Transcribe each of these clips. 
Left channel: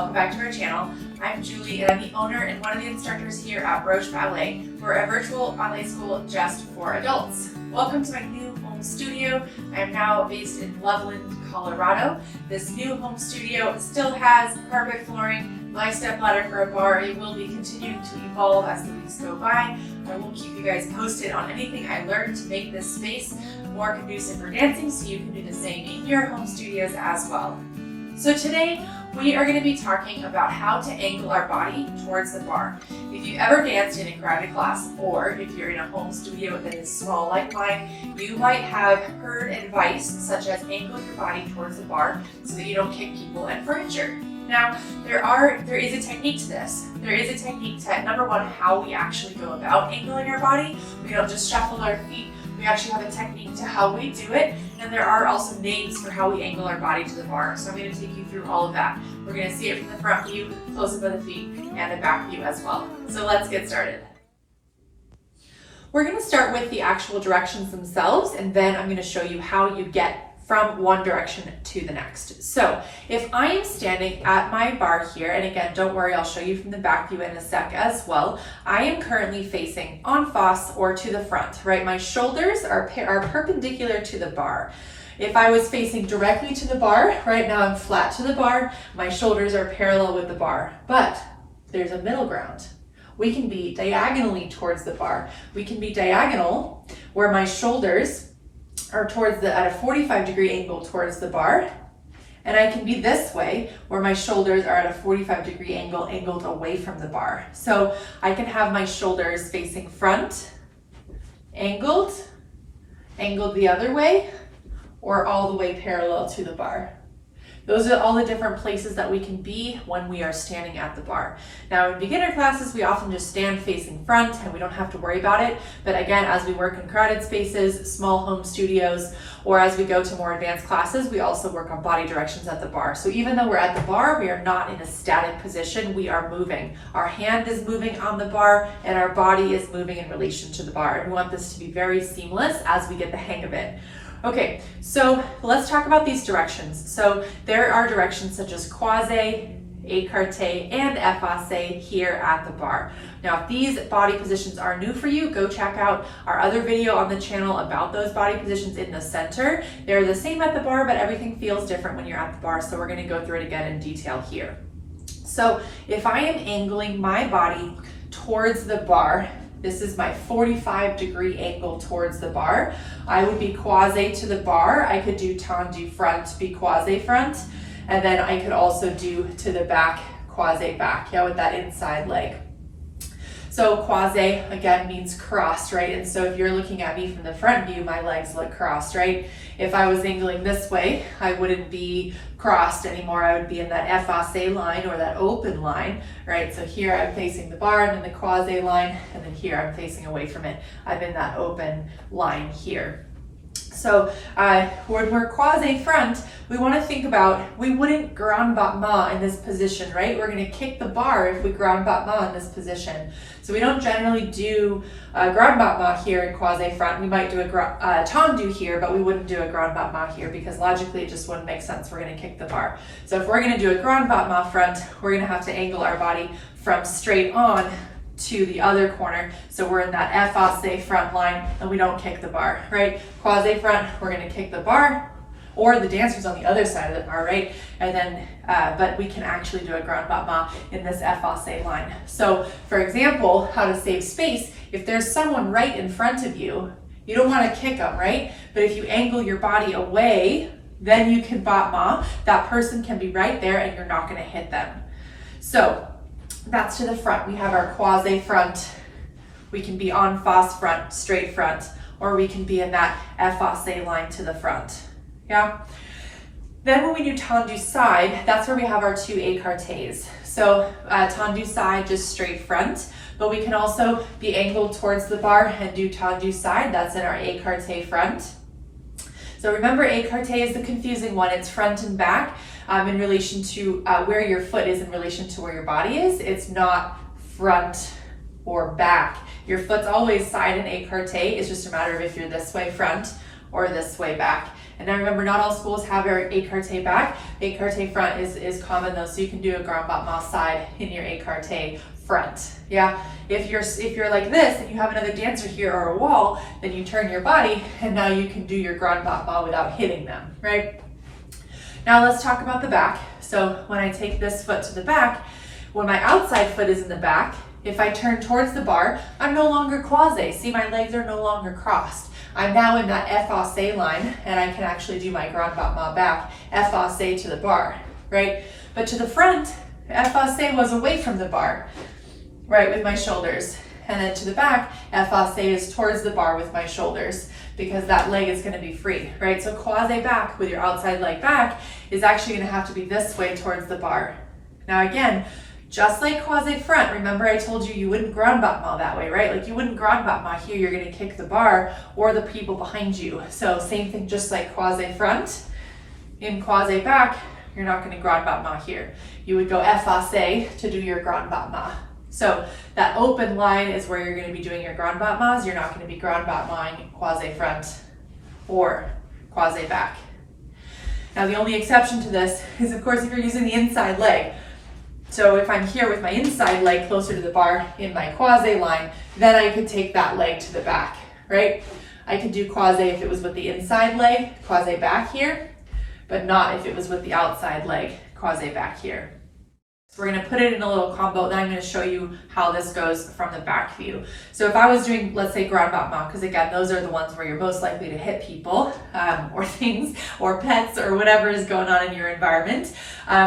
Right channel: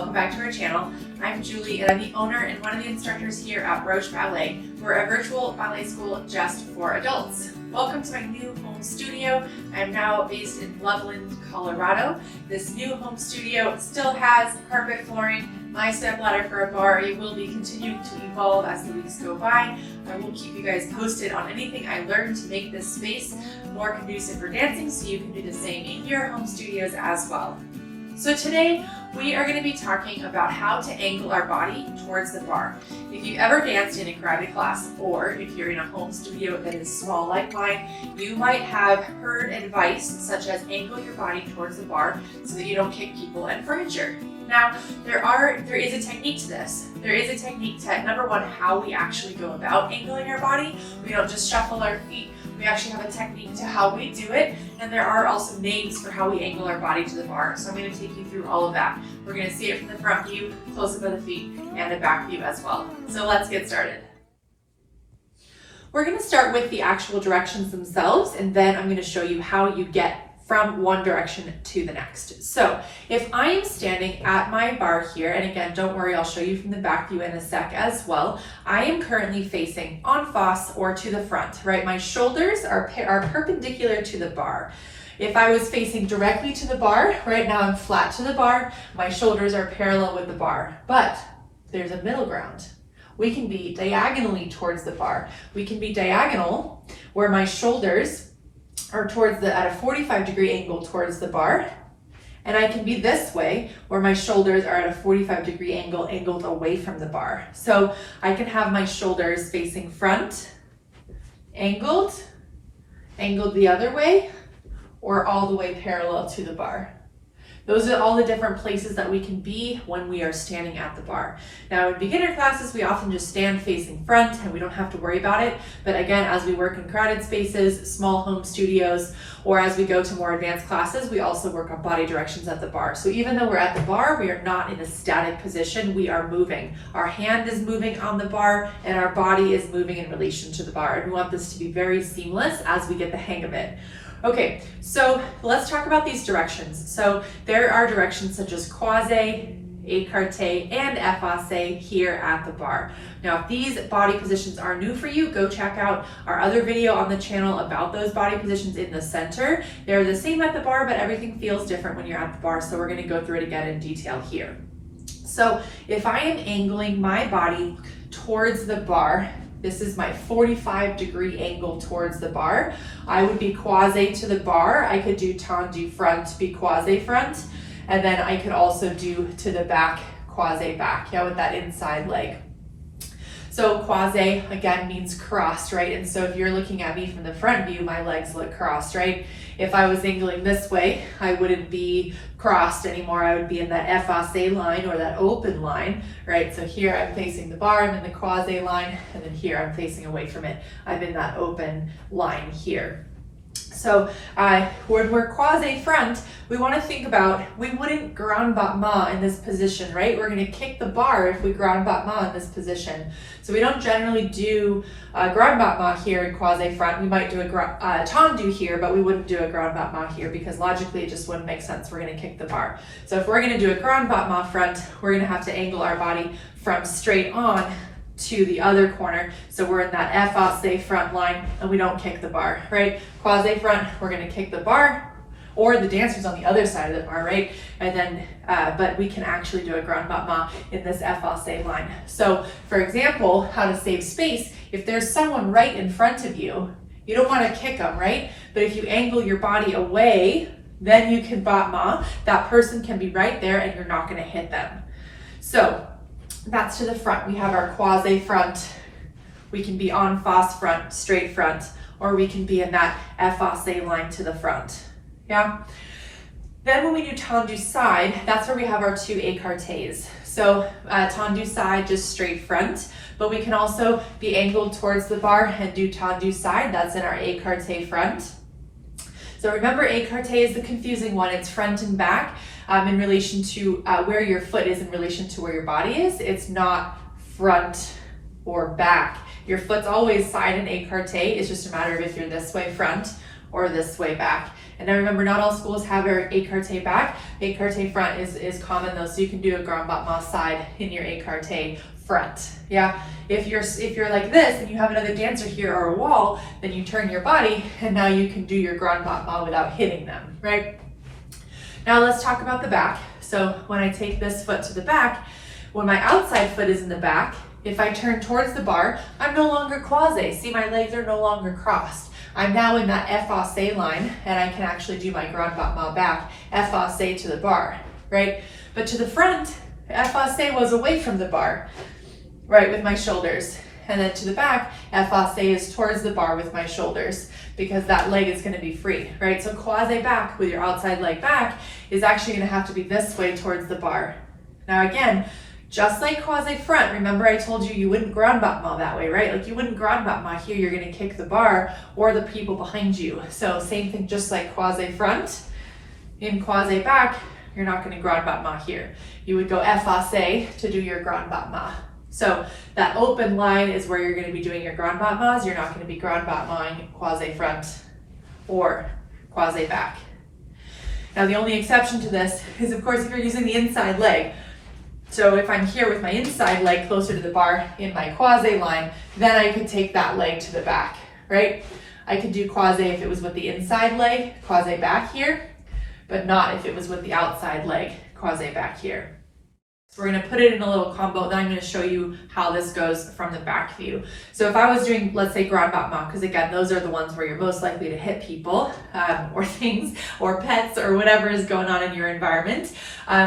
welcome back to our channel. I'm Julie and I'm the owner and one of the instructors here at Roche Ballet. We're a virtual ballet school just for adults. Welcome to my new home studio. I'm now based in Loveland, Colorado. This new home studio still has carpet flooring, my stepladder for a bar. It will be continuing to evolve as the weeks go by. I will keep you guys posted on anything I learned to make this space more conducive for dancing, so you can do the same in your home studios as well. So today we are going to be talking about how to angle our body towards the bar. If you've ever danced in a crowded class, or if you're in a home studio that is small like mine, you might have heard advice such as angle your body towards the bar so that you don't kick people and furniture. Now, there is a technique to this. There is a technique to, number one, how we actually go about angling your body. We don't just shuffle our feet. We actually have a technique to how we do it, and there are also names for how we angle our body to the bar. So I'm going to take you through all of that. We're going to see it from the front view, close up of the feet, and the back view as well. So let's get started. We're going to start with the actual directions themselves, and then I'm going to show you how you get from one direction to the next. So if I am standing at my bar here, and again, don't worry, I'll show you from the back view in a sec as well. I am currently facing en face or to the front, right? My shoulders are perpendicular to the bar. If I was facing directly to the bar, right now I'm flat to the bar, my shoulders are parallel with the bar, but there's a middle ground. We can be diagonally towards the bar. We can be diagonal where my shoulders are at a 45-degree angle towards the bar, and I can be this way where my shoulders are at a 45-degree angle angled away from the bar. So I can have my shoulders facing front, angled the other way, or all the way parallel to the bar. Those are all the different places that we can be when we are standing at the bar. Now in beginner classes, we often just stand facing front and we don't have to worry about it. But again, as we work in crowded spaces, small home studios, or as we go to more advanced classes, we also work on body directions at the bar. So even though we're at the bar, we are not in a static position, we are moving. Our hand is moving on the bar and our body is moving in relation to the bar. And we want this to be very seamless as we get the hang of it. Okay, so let's talk about these directions. So there are directions such as croisé, écarté, and effacé here at the bar. Now, if these body positions are new for you, go check out our other video on the channel about those body positions in the center. They're the same at the bar, but everything feels different when you're at the bar, so we're gonna go through it again in detail here. So if I am angling my body towards the bar, this is my 45-degree angle towards the bar. I would be croisé to the bar. I could do tendu front, be croisé front, and then I could also do to the back, croisé back, with that inside leg. So croisé, again, means crossed, right? And so if you're looking at me from the front view, my legs look crossed, right? If I was angling this way, I wouldn't be crossed anymore. I would be in that effacé line or that open line, right? So here I'm facing the bar, I'm in the croisé line, and then here I'm facing away from it. I'm in that open line here. So when we're croisé front, we want to think about, we wouldn't grand battement in this position, right? We're going to kick the bar if we grand battement in this position. So we don't generally do a grand battement here in croisé front. We might do a tendu here, but we wouldn't do a grand battement here because logically it just wouldn't make sense. We're going to kick the bar. So if we're going to do a grand battement front, we're going to have to angle our body from straight on to the other corner. So we're in that effacé front line and we don't kick the bar, right? Croisé front, we're gonna kick the bar, or the dancer's on the other side of the bar, right? And then, but we can actually do a grand battement in this effacé line. So for example, how to save space, if there's someone right in front of you, you don't wanna kick them, right? But if you angle your body away, then you can battement, that person can be right there and you're not gonna hit them. So that's to the front. We have our croisé front. We can be en face front, straight front, or we can be in that effacé line to the front. Yeah. Then when we do tendu side, that's where we have our two écartés. So tendu side, just straight front, but we can also be angled towards the bar and do tendu side. That's in our écarté front. So remember, écarté is the confusing one. It's front and back in relation to where your foot is in relation to where your body is. It's not front or back. Your foot's always side in écarté. It's just a matter of if you're this way front or this way back. And now remember, not all schools have your écarté back. Écarté front is common though, so you can do a grand battement side in your écarté front. Yeah, if you're like this and you have another dancer here or a wall, then you turn your body and now you can do your grand battement without hitting them, right? Now let's talk about the back. So when I take this foot to the back, when my outside foot is in the back, if I turn towards the bar, I'm no longer croisé. See, my legs are no longer crossed. I'm now in that effacé line, and I can actually do my grand battement back, effacé to the bar, right? But to the front, effacé was away from the bar, right, with my shoulders. And then to the back, effacé is towards the bar with my shoulders, because that leg is going to be free, right? So croisé back with your outside leg back is actually going to have to be this way towards the bar. Now again, just like croisé front, remember I told you wouldn't grand battement that way, right? Like you wouldn't grand battement here, you're going to kick the bar or the people behind you. So same thing, just like croisé front, in croisé back, you're not going to grand battement here. You would go effacé to do your grand battement. So that open line is where you're going to be doing your grand battements. You're not going to be grand battementing croisé front or croisé back. Now the only exception to this is, of course, if you're using the inside leg. So if I'm here with my inside leg closer to the bar in my croisé line, then I could take that leg to the back, right? I could do croisé if it was with the inside leg, croisé back here, but not if it was with the outside leg, croisé back here. So we're going to put it in a little combo, then I'm going to show you how this goes from the back view. So if I was doing, let's say, grand battement, because again, those are the ones where you're most likely to hit people or things or pets or whatever is going on in your environment,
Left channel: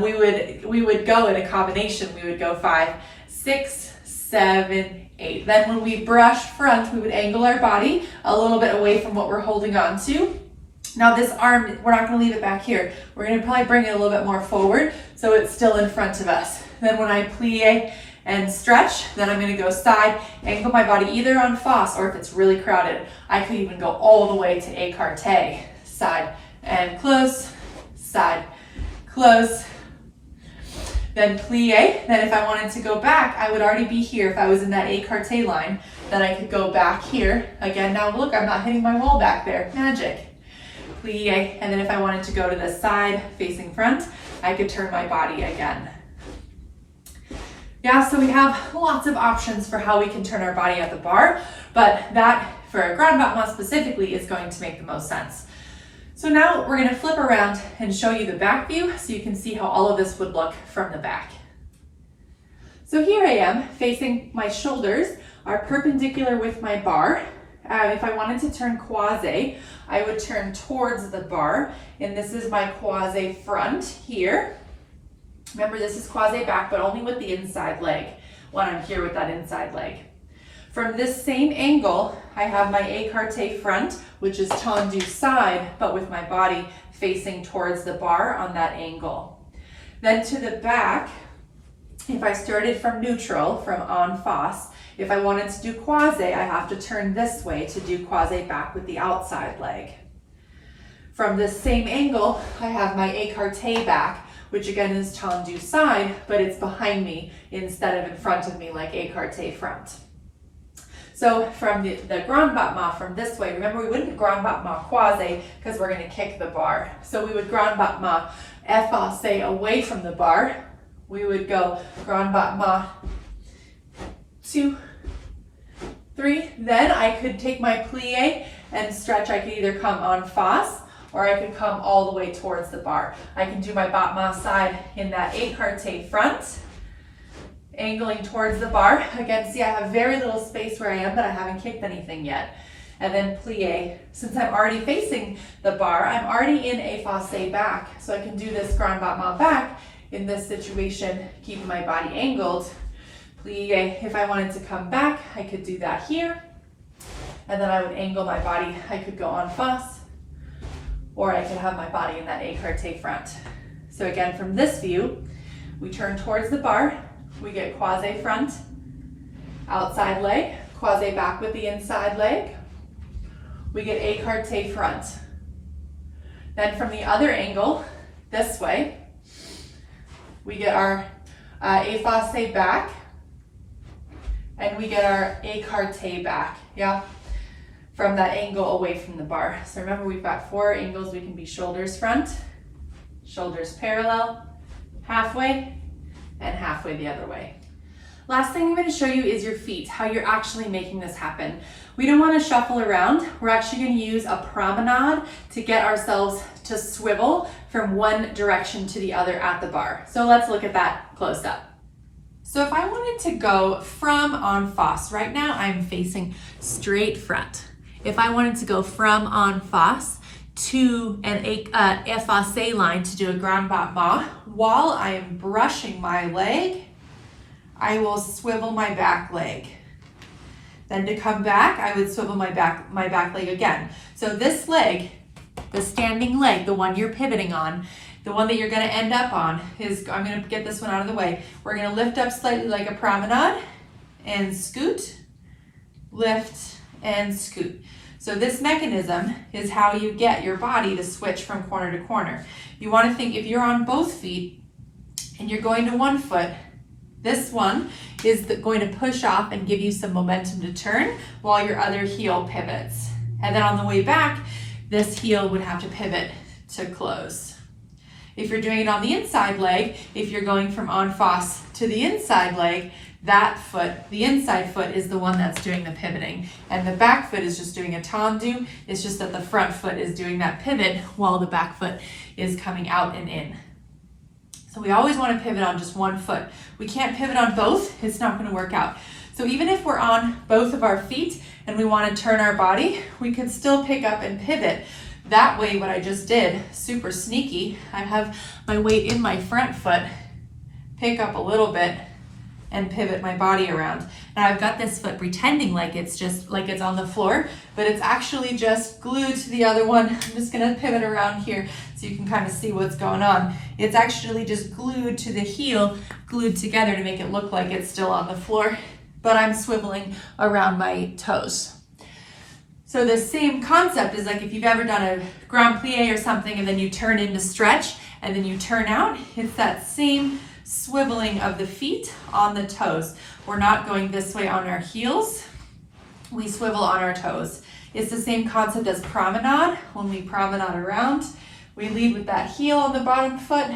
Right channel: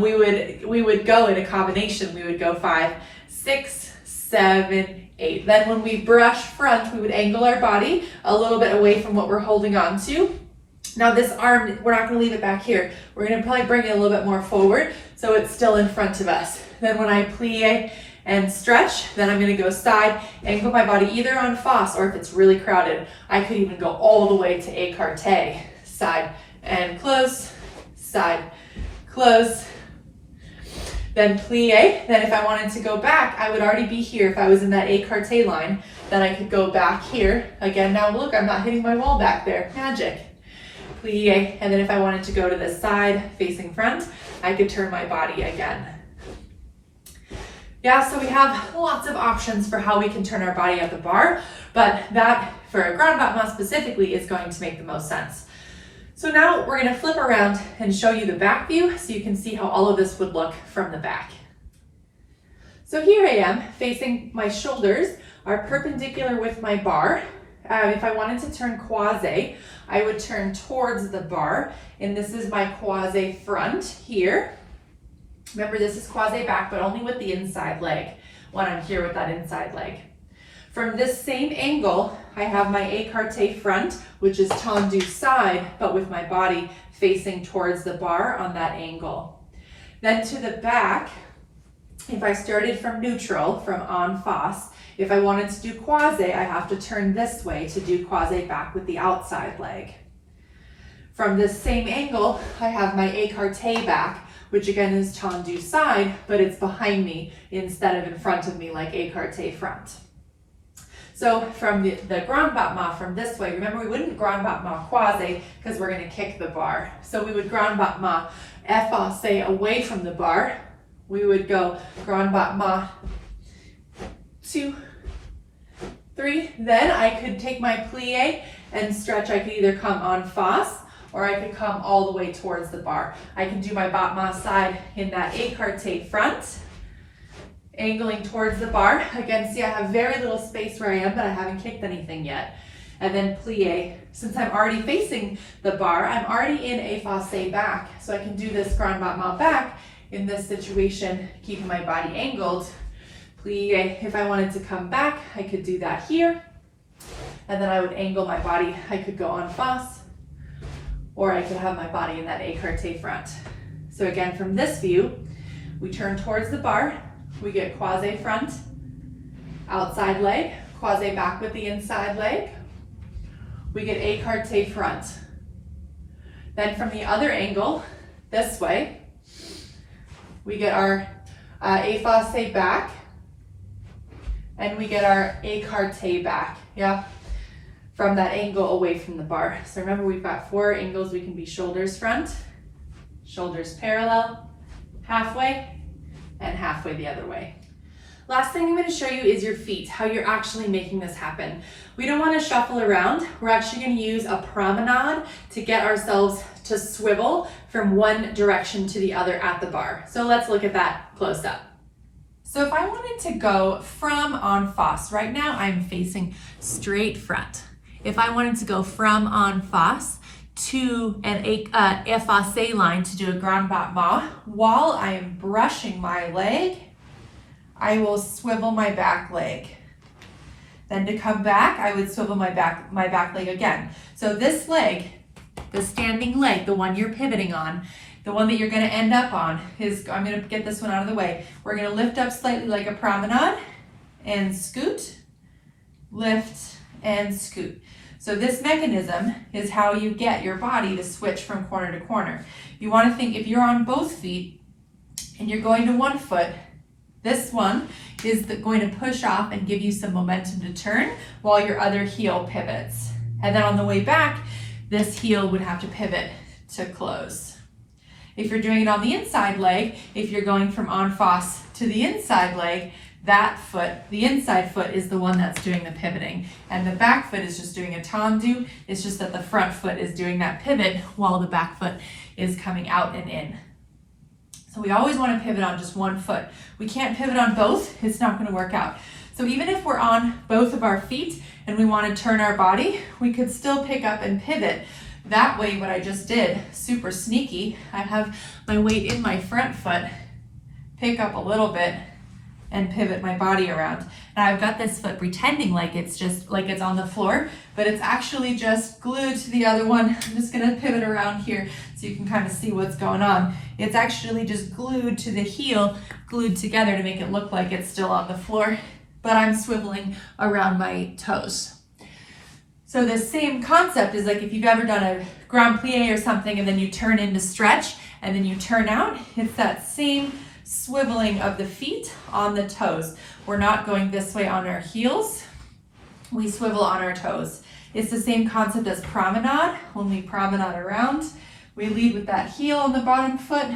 we would go in a combination. We would go 5, 6, 7, 8. Then when we brush front, we would angle our body a little bit away from what we're holding on to. Now this arm, we're not going to leave it back here. We're going to probably bring it a little bit more forward so it's still in front of us. Then when I plie and stretch, then I'm going to go side, angle my body either on face, or if it's really crowded, I could even go all the way to écarté, side and close, side, close. Then plie. Then if I wanted to go back, I would already be here. If I was in that écarté line, then I could go back here. Again, now look, I'm not hitting my wall back there. Magic. Plie, and then if I wanted to go to the side facing front, I could turn my body again. Yeah, so we have lots of options for how we can turn our body at the bar, but that, for a grand battement specifically, is going to make the most sense. So now we're going to flip around and show you the back view so you can see how all of this would look from the back. So here I am, facing my shoulders are perpendicular with my bar. If I wanted to turn croisé, I would turn towards the bar, and this is my croisé front here. Remember, this is croisé back, but only with the inside leg when I'm here with that inside leg. From this same angle, I have my écarté front, which is tendu side, but with my body facing towards the bar on that angle. Then to the back, if I started from neutral, from en face, if I wanted to do croisé, I have to turn this way to do croisé back with the outside leg. From this same angle, I have my écarté back, which again is tendu side, but it's behind me instead of in front of me like écarté front. So from the grand battement from this way, remember we wouldn't grand battement croisé because we're going to kick the bar. So we would grand battement effacé away from the bar. We would go grand battement 2, 3. Then I could take my plie and stretch. I could either come en face or I could come all the way towards the bar. I can do my battement side in that écarté front, angling towards the bar. Again, see, I have very little space where I am, but I haven't kicked anything yet. And then plie. Since I'm already facing the bar, I'm already in effacé back. So I can do this grand battement back in this situation, keeping my body angled. Plie. If I wanted to come back, I could do that here. And then I would angle my body. I could go en face, or I could have my body in that écarté front. So again, from this view, we turn towards the bar. We get croisé front, outside leg, croisé back with the inside leg. We get écarté front. Then from the other angle, this way, we get our effacé back, and we get our écarté back. Yeah. from that angle away from the bar. So remember, we've got 4 angles. We can be shoulders front, shoulders parallel, halfway, and halfway the other way. Last thing I'm going to show you is your feet, how you're actually making this happen. We don't want to shuffle around. We're actually going to use a promenade to get ourselves to swivel from one direction to the other at the bar. So let's look at that close up. So if I wanted to go from en face, right now I'm facing straight front. If I wanted to go from en face to an effacé line to do a grand battement, while I am brushing my leg, I will swivel my back leg. Then to come back, I would swivel my back leg again. So this leg, the standing leg, the one you're pivoting on, the one that you're going to end up on is, I'm going to get this one out of the way. We're going to lift up slightly like a promenade and scoot, lift and scoot. So this mechanism is how you get your body to switch from corner to corner. You want to think if you're on both feet and you're going to one foot, this one is going to push off and give you some momentum to turn while your other heel pivots. And then on the way back, this heel would have to pivot to close. If you're doing it on the inside leg, if you're going from en face to the inside leg, that foot, the inside foot, is the one that's doing the pivoting. And the back foot is just doing a tendu. It's just that the front foot is doing that pivot while the back foot is coming out and in. So we always want to pivot on just one foot. We can't pivot on both. It's not going to work out. So even if we're on both of our feet and we want to turn our body, we could still pick up and pivot. That way, what I just did, super sneaky, I have my weight in my front foot, pick up a little bit, and pivot my body around. Now I've got this foot pretending like it's on the floor, but it's actually just glued to the other one. I'm just gonna pivot around here so you can kind of see what's going on. It's actually just glued to the heel, glued together to make it look like it's still on the floor, but I'm swiveling around my toes. So the same concept is like if you've ever done a grand plie or something and then you turn into stretch and then you turn out, it's that same swiveling of the feet on the toes. We're not going this way on our heels. We swivel on our toes. It's the same concept as promenade. When we promenade around, we lead with that heel on the bottom foot.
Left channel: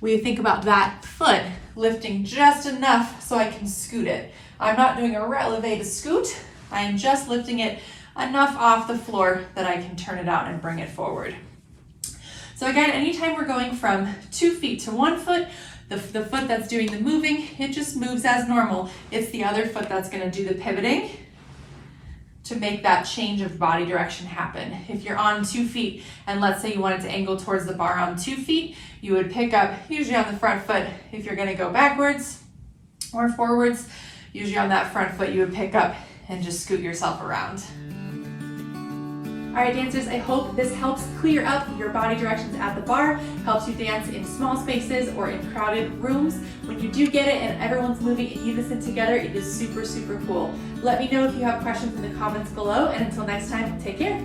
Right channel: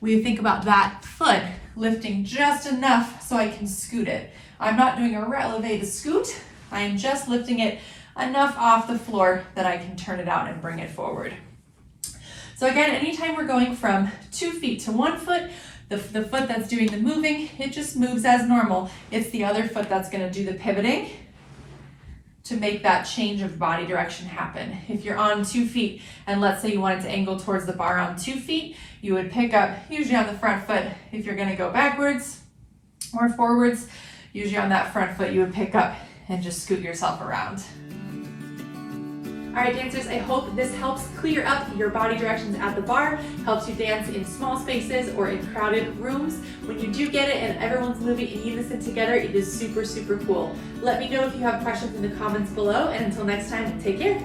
We think about that foot lifting just enough so I can scoot it. I'm not doing a releve to scoot. I am just lifting it enough off the floor that I can turn it out and bring it forward. So again, anytime we're going from 2 feet to 1 foot, the foot that's doing the moving, it just moves as normal. It's the other foot that's going to do the pivoting to make that change of body direction happen. If you're on 2 feet and let's say you wanted to angle towards the bar on 2 feet, you would pick up usually on the front foot. If you're going to go backwards or forwards, usually on that front foot you would pick up and just scoot yourself around. All right, dancers, I hope this helps clear up your body directions at the bar, helps you dance in small spaces or in crowded rooms. When you do get it and everyone's moving in unison together, it is super, super cool. Let me know if you have questions in the comments below, and until next time, take care.